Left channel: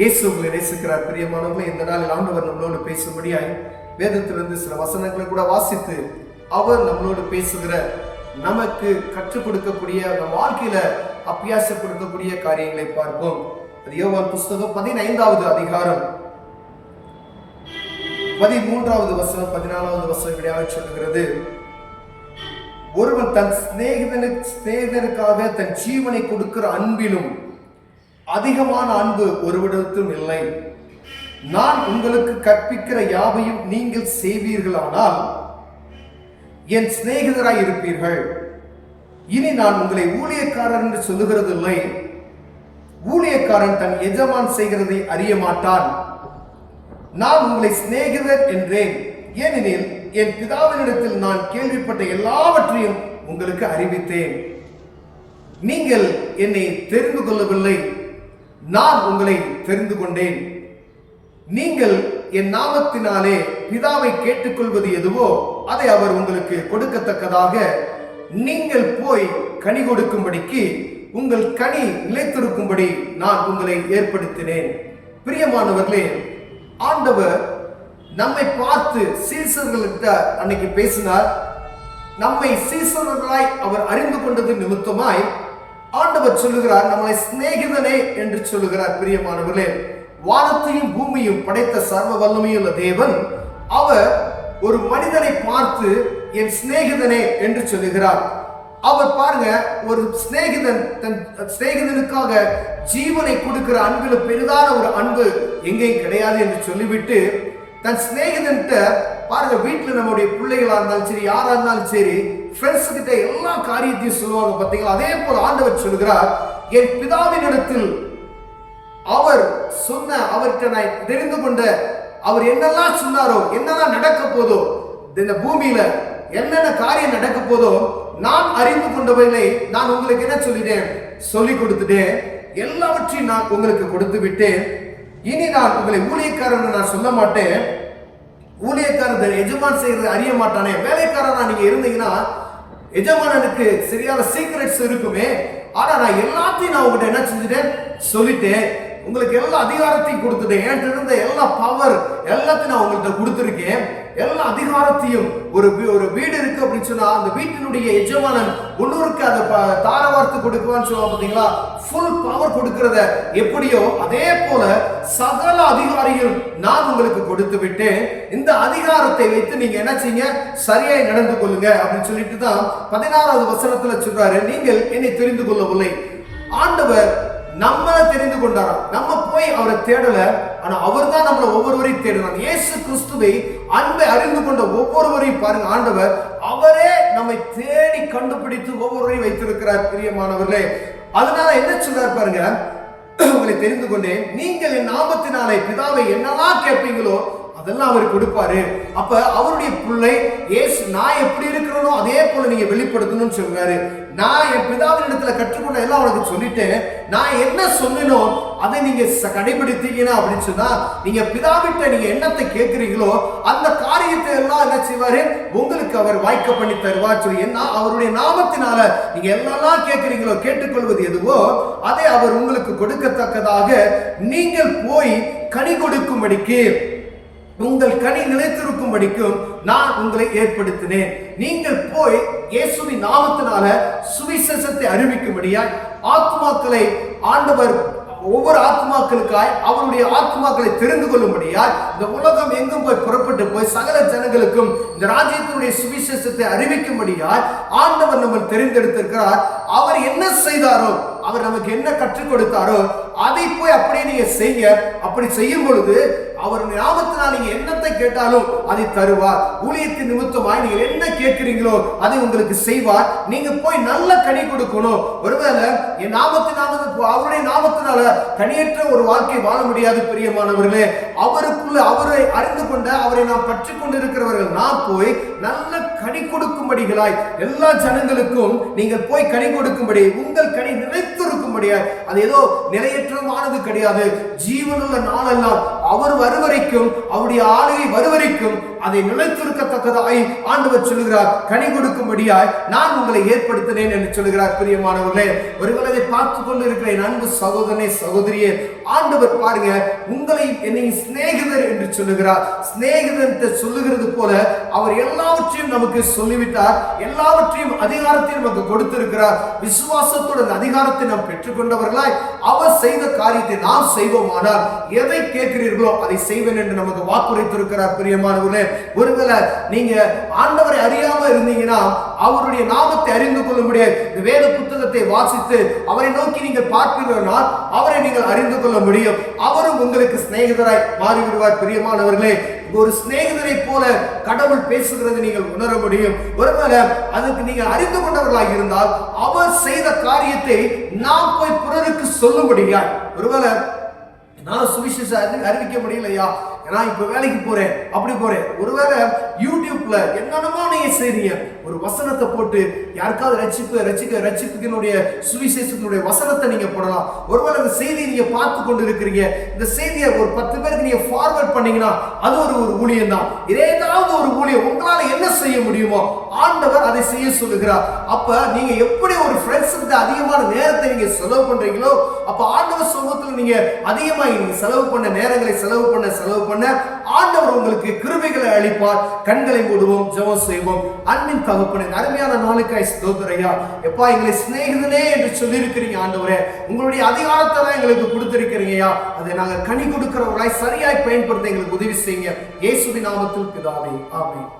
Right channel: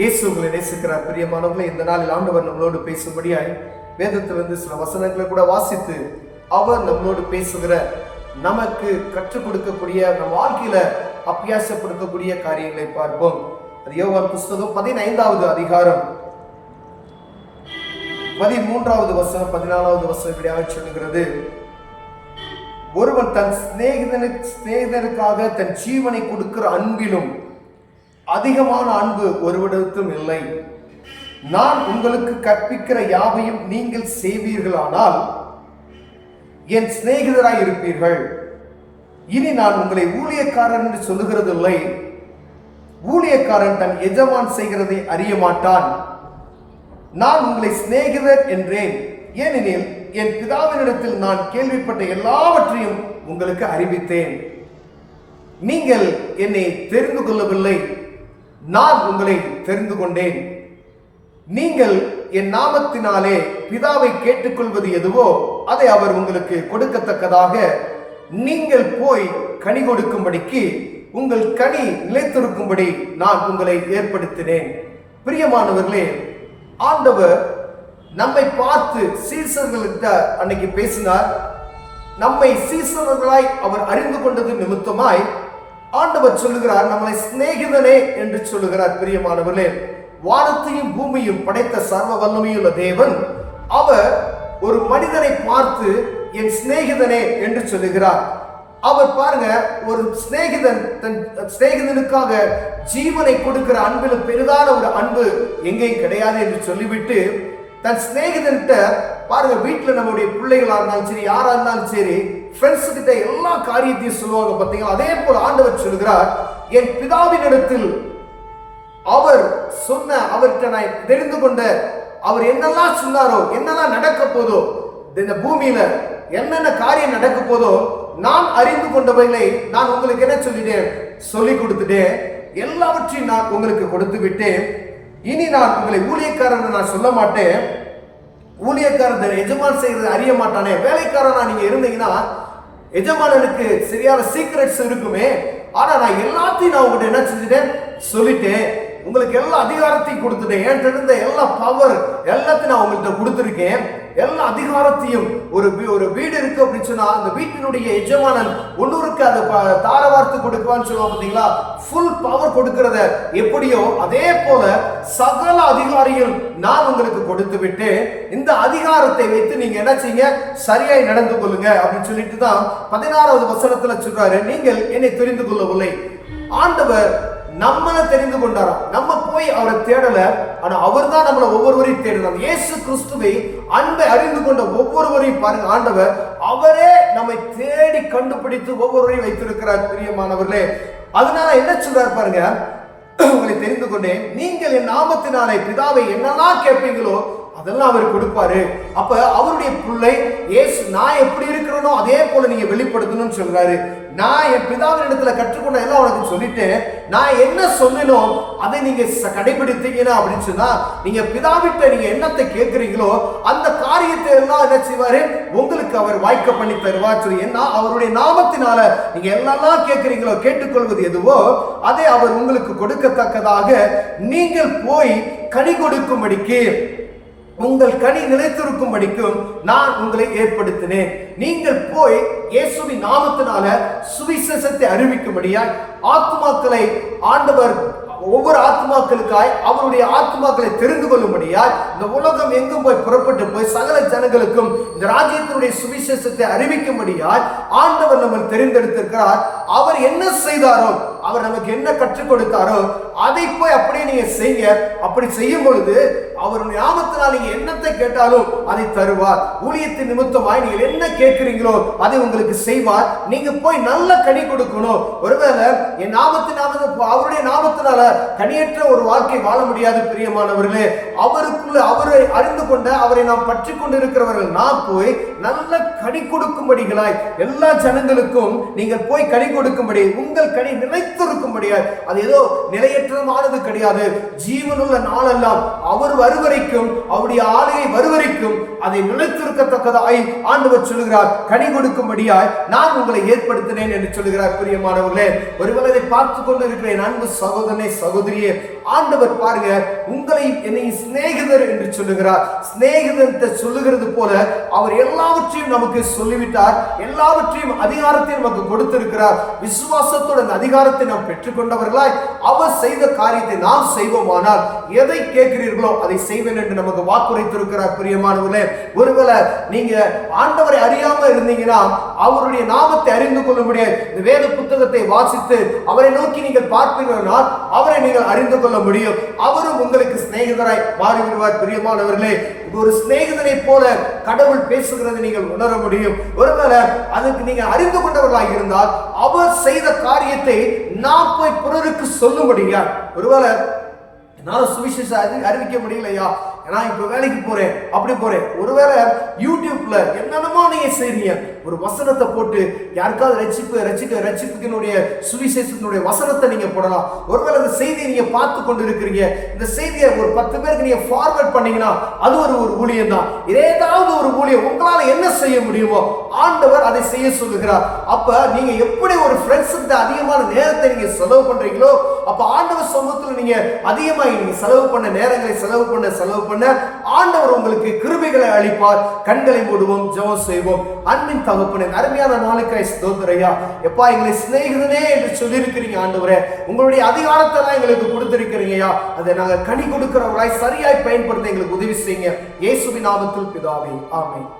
இயேசு உங்களை நேசிக்கிறார். பிரியமானவர்களே, இந்த நாளில் ஆண்டவர் நம்மளோடு பேசும்படியாய் வேதத்திலிருந்து சில வசனங்களை கூட வாசித்து அவர் நம்மளோடு பேசுகிற, நமக்கு கற்றுக் கொடுக்கக்கூடிய, நம் வாழ்க்கையில அபியாசப்படுத்தக்கூடிய காரியங்களை பார்ப்போம். அது யோவான் புஸ்தகம் 15வது அதிகாரம் 13வது வசனம் 14வது வசனம் இப்படியாக சொல்லுகிறது: ஒருவன் தன் சிநேகிதனுக்காக தன் ஜீவனை கொடுக்கிற அன்பிலும் அதிகமான அன்பு ஒருவரிடத்தும் இல்லை. நான் உங்களுக்கு கற்பிக்கிற யாவையும் நீங்கள் செய்வீர்களானால் என் சிநேகிதராய் இருப்பீர்கள். இனி நான் உங்களை ஊழியக்காரர் என்று சொல்லுகிறதில்லை. ஊழியக்காரன் தன் எஜமான் செய்கிறதை அறிய மாட்டான். நான் உங்களை சிநேகிதர் என்றேன், ஏனெனில் என் பிதாவினிடத்தில் நான் கேள்விப்பட்ட எல்லாவற்றையும் உங்களுக்கு அறிவித்தேன். நீங்கள் என்னை தெரிந்து கொள்ளவில்லை, நான் உங்களை தெரிந்து கொண்டேன். நீங்கள் என் நாமத்தினாலே பிதாவை கேட்டுக்கொள்வது எதுவோ அதை அவர் உங்களுக்கு கொடுக்கத்தக்கதாக நீங்கள் போய் கனி கொடுக்கும்படிக்கு உங்கள் கனி நிலைத்திருக்கும்படி நான் உங்களை ஏற்படுத்தினேன். பிரியமானவர்களே, ஆண்டவர் நம்மை பார்த்து சீசர்களுக்கு அன்னைக்கு பேசினார். நம்மை சீசர்களாய் அவர் அறிந்து கொண்டது நிமித்தமாய் ஆண்டவர் சொல்லுகிறார், நம்மளை சிநேகிதனே என்று சொல்லுகிறார். பிரியமானவர்களே, வானத்தையும் பூமியும் படைத்த சர்வ வல்லமையுள்ள தேவன் அவர் ஒரு மனிதனை பார்த்து என் சிநேகிதனே என்று சொல்லுகிறார். அவர் பாருங்க, ஒரு சிநேகிதன் தன் சிநேகிதனுக்காக ஜீவனை கொடுக்கிற அன்பில் பெரிதான ஒரு அன்பு எங்கேயும் கிடையாது என்று சொல்லிவிட்டு தன் சிநேகிதன்கிட்ட பாருங்க, வீட்டில் நம்முடைய பிள்ளைகளா இருந்தாலும் சரி, யாரா இருந்தாலும் சரி, ஃப்ரெண்ட்ஸ் கிட்ட எல்லா காரியத்தையும் சொல்லுவாங்க பார்த்தீங்களா. அதே போல ஆண்டவர் சொல்லுகிறார், என் பிதாவின் இடத்தில் அவர் சொன்ன, அவர்கிட்ட நான் தெரிந்து கொண்ட, அவர் என்னெல்லாம் சொன்னாரோ, என்னெல்லாம் நடக்க போதோ, இந்த பூமியில என்னென்ன காரியம் நடக்க போதோ, நான் அறிந்து கொண்டவைகளை நான் உங்களுக்கு என்ன சொல்லிட்டேன், சொல்லி கொடுத்துட்டேன். எல்லாவற்றையும் நான் உங்களுக்கு கொடுத்து விட்டேன். இனி நான் உங்களை ஊழியக்காரன் நான் சொல்ல மாட்டேன். ஊழியக்காரர் எஜமான் செய்யறது அறிய மாட்டானே. வேலைக்காரனா நீங்க இருந்தீங்கன்னா எஜமானனுக்கு சரியான சீக்ரெட்ஸ் இருக்குமே. ஆனா நான் எல்லாத்தையும் நான் உங்ககிட்ட என்ன செஞ்சுட்டேன், சொல்லிட்டேன். உங்களுக்கு எல்லா அதிகாரத்தையும் கொடுத்துட்டேன். என்கிட்ட இருந்த எல்லா பவர் எல்லாத்தையும் நான் உங்கள்கிட்ட கொடுத்துருக்கேன். எல்லா அதிகாரத்தையும், ஒரு வீடு இருக்கு அப்படின்னு சொன்னா அந்த வீட்டினுடைய எஜமானன் ஒன்னொருக்கு அதை தாரவார்த்து கொடுக்குவான்னு சொல்லுவாங்க பார்த்தீங்களா. ஃபுல் பவர் கொடுக்கிறத எப்படியோ அதே போல சகல அதிகாரிகள் நான் உங்களுக்கு கொடுத்து விட்டு இந்த அதிகாரத்தை வைத்து நீங்க என்ன செய்யுங்க, சரியாய் நடந்து கொள்ளுங்க அப்படின்னு சொல்லிட்டு தான் 16வது வசனத்துல சொல்றாரு, நீங்கள் என்னை தெரிந்து கொள்ளவில்லை. ஆண்டவர் நம்மளை தெரிந்து கொண்டாரா, நம்ம போய் அவரை தேடல, ஆனா அவர் தான் நம்மளை ஒவ்வொருவரையும் தேடினார். இயேசு கிறிஸ்துவை அன்பை அறிந்து கொண்ட ஒவ்வொருவரையும் பாருங்க, ஆண்டவர் அவரே நம்மை தேடி கண்டுபிடித்து ஒவ்வொருவரையும் வைத்திருக்கிறார். பிரியமானவர்களே, அதனால என்ன சொல்றார் பாருங்க, உங்களை தெரிந்து கொண்டேன், நீங்கள் என் நாமத்தினாலே பிதாவை என்னெல்லாம் கேட்பீங்களோ அதெல்லாம் அவர் கொடுப்பாரு. அப்ப அவருடைய பிள்ளை இயேசு நான் எப்படி இருக்கிறனோ அதே போல நீங்க வெளிப்படுத்தணும்னு சொல்றாரு. நான் என் பிதாவின் இடத்துல கற்றுக்கொண்ட எல்லாம் உனக்கு சொல்லிட்டேன். நான் என்ன சொன்னேனோ அதை நீங்க கடைபிடித்தீங்கன்னா அப்படின்னு சொன்னா, நீங்க பிதாவிட்ட நீங்க என்னத்தை கேட்கிறீங்களோ அந்த காரியத்தை எல்லாம் என்ன செய்வாரு, உங்களுக்கு அவர் வாய்க்க பண்ணி தருவார் சொல்லி. என்ன அவருடைய நாமத்தினால நீங்க எல்லாம் கேட்கிறீங்களோ, கேட்டுக்கொள்வது எதுவோ அதை அவர் உங்களுக்கு கொடுக்கத்தக்கதாக நீங்கள் போய் கனி கொடுக்கும்படிக்கு, உங்கள் கனி நிலைத்திருக்கும்படிக்கும் நான் உங்களை ஏற்படுத்தினேன். நீங்கள் போய் இயேசுவின் நாமத்தினால சுவிசேஷத்தை அறிவிக்கும்படியாய் ஆத்மாக்களை ஆண்டவர் ஒவ்வொரு ஆத்மாக்களுக்காய் அவருடைய ஆத்மாக்களை தெரிந்து கொள்ளும்படியாய் இந்த உலகம் எங்கும் போய் புறப்பட்டு போய் சகல ஜனங்களுக்கும் இந்த ராஜ்யத்தினுடைய சுவிசேஷத்தை அறிவிக்கும்படியாய் ஆண்டவர் நம்ம தெரிந்தெடுத்திருக்கிறார். அவர் என்ன செய்தாரோ, அவர் நமக்கு என்ன கற்றுக் கொடுத்தாரோ அதை போய் அப்படியே நீங்க செய்ய. அப்படி செய்யும் பொழுது அவர் நாமத்தினால் நீங்க என்னத்தை கேட்டாலும் அதை தருவார். ஊழியத்தின் நிமித்தமாய் நீங்கள் என்ன கேட்கிறீங்களோ அதை உங்களுக்கு செய்வார். நீங்க போய் நல்ல கனி கொடுக்கணும். ஒருவேளை என் நாமத்தினால, அவருடைய நாமத்தினால கனியற்ற ஒரு வாழ்க்கை வாழ முடியாது. பிரியமானவர்களே, அவருக்குள்ள அவரை அறிந்து கொண்ட, அவரை நாம் பற்றி கொண்டு இருக்கிறவர்கள் நாம் போய் நல்ல கனி கொடுக்கும்படிகளாய் எல்லா ஜனங்களுக்கும் நீங்கள் போய் கனி கொடுக்கும்படி, உங்கள் கனி நிலைத்திருக்கும் கொடுக்கும்படியாய், அது ஏதோ நிலையற்றமானது கிடையாது. ஜீவனுள்ள நாளெல்லாம் அவர் வருவரைக்கும், அவருடைய ஆலையை வருவரைக்கும் அதை நிலைத்திருக்கத்தக்கதாய் ஆண்டவர் சொல்லுகிறார், கனி கொடுக்கும்படியாய் நான் உங்களை ஏற்படுத்தினேன் என்று சொல்லுகிறார். பிரியமானவர்களே, ஒருவேளை இதை பார்த்து கொண்டு இருக்கிற என் அன்பு சகோதரனே, சகோதரியே, ஆண்டவர் பாருங்க, உங்களை என்னை சிநேகிதர் என்று சொல்லுகிறார். சிநேகிதர் சொல்லுகிறது போல அவர் எல்லாவற்றையும் நமக்கு சொல்லிவிட்டார். எல்லாவற்றையும் அதிகாரத்தை நமக்கு கொடுத்திருக்கிறார். விசுவாசத்துடன் அதிகாரத்தை நாம் பெற்றுக்கொண்டவர்களாய் அவர் செய்த காரியத்தை நாம் செய்வோமானால் எதை கேட்கிறீர்களோ அதை செய்வேன் என்று நமக்கு வாக்குரைத்திருக்கிறார். பிரியமானவர்களே, ஒருவேளை நீங்க ஆண்டவரை அறியாம இருந்தீங்கன்னா அவருடைய நாமத்தை அறிந்து கொள்ள முடியாது. இந்த வேத புத்தகத்தை வாசித்து அவரை நோக்கி நீங்கள் பார்ப்பீர்களால் அவரை நீங்கள் அறிந்து கொள்ள முடியும். அவரும் உங்களுக்கு சிநேகிதராய் மாறிவிடுவார். பிரியமானவர்களே, ஒரு சிநேகிதரை போல கடவுள் பேசுகிறது நீங்கள் உணர முடியும். ஒருவேளை அதுக்கு நீங்கள் அறிந்து கொண்டவர்களாக இருந்தால் அவர் செய்த காரியத்தை நாம் போய் பிறருக்கு சொல்லும்படியா, ஒருவேளை என்னால சுவிசேஷம் அறிவிக்க முடியலையா, நான் இப்ப வேலைக்கு போறேன், அப்படி போறேன், ஒருவேளை யூடியூப்ல என்னென்னமோ நீங்க செய்றீங்க, ஒரு வசனத்தை போட்டு யாருக்காவது ரட்சிப்புக்கினுடைய சுவிசேஷத்தினுடைய வசனத்தை நீங்க போடலாம். ஒருவேளை இந்த செய்தியை நீங்க பார்த்து கொண்டு இருக்கிறீங்க, இந்த செய்தியை ஒரு 10 பேருக்கு நீங்க ஃபார்வர்ட் பண்ணீங்கன்னா அது ஒரு ஊழியம் தான். ஏதாவது ஒரு ஊழியம் உங்களால என்ன செய்ய முடியுமோ ஆண்டவர் அதை செய்ய சொல்லுகிறார். அப்ப நீங்க எப்படி ஒரு ஃப்ரெண்ட்ஸ் கிட்ட அதிகமான நேரத்தை நீங்க செலவு பண்றீங்களோ, அப்ப ஆண்டவர் சமூகத்துல நீங்க அதிகமாக நீங்க செலவு பண்ண நேரங்களை செலவு பண்ண ஆண்டவர் உங்களுக்கு கிருபைகளை அளிப்பார். கண்களை மூடுவோம், ஜெபம் செய்வோம். அன்பின் தகப்பனே, அருமையான நாளுக்காய் ஸ்தோத்திரம் ஐயா. எப்பா, எங்களை சிநேகிதனே என்று சொல்லியிருக்கிறீங்க ஆண்டவரே. உங்களுடைய அதிகாரத்தை எங்களுக்கு கொடுத்திருக்கிறீங்க ஐயா. அதை நாங்கள் கனி கொடுக்கிறவர்களாய் சரியாய் பயன்படுத்த எங்களுக்கு உதவி செய்யுங்க. இயேசுவின் நாமத்தில் பிதாவே, ஆமென்.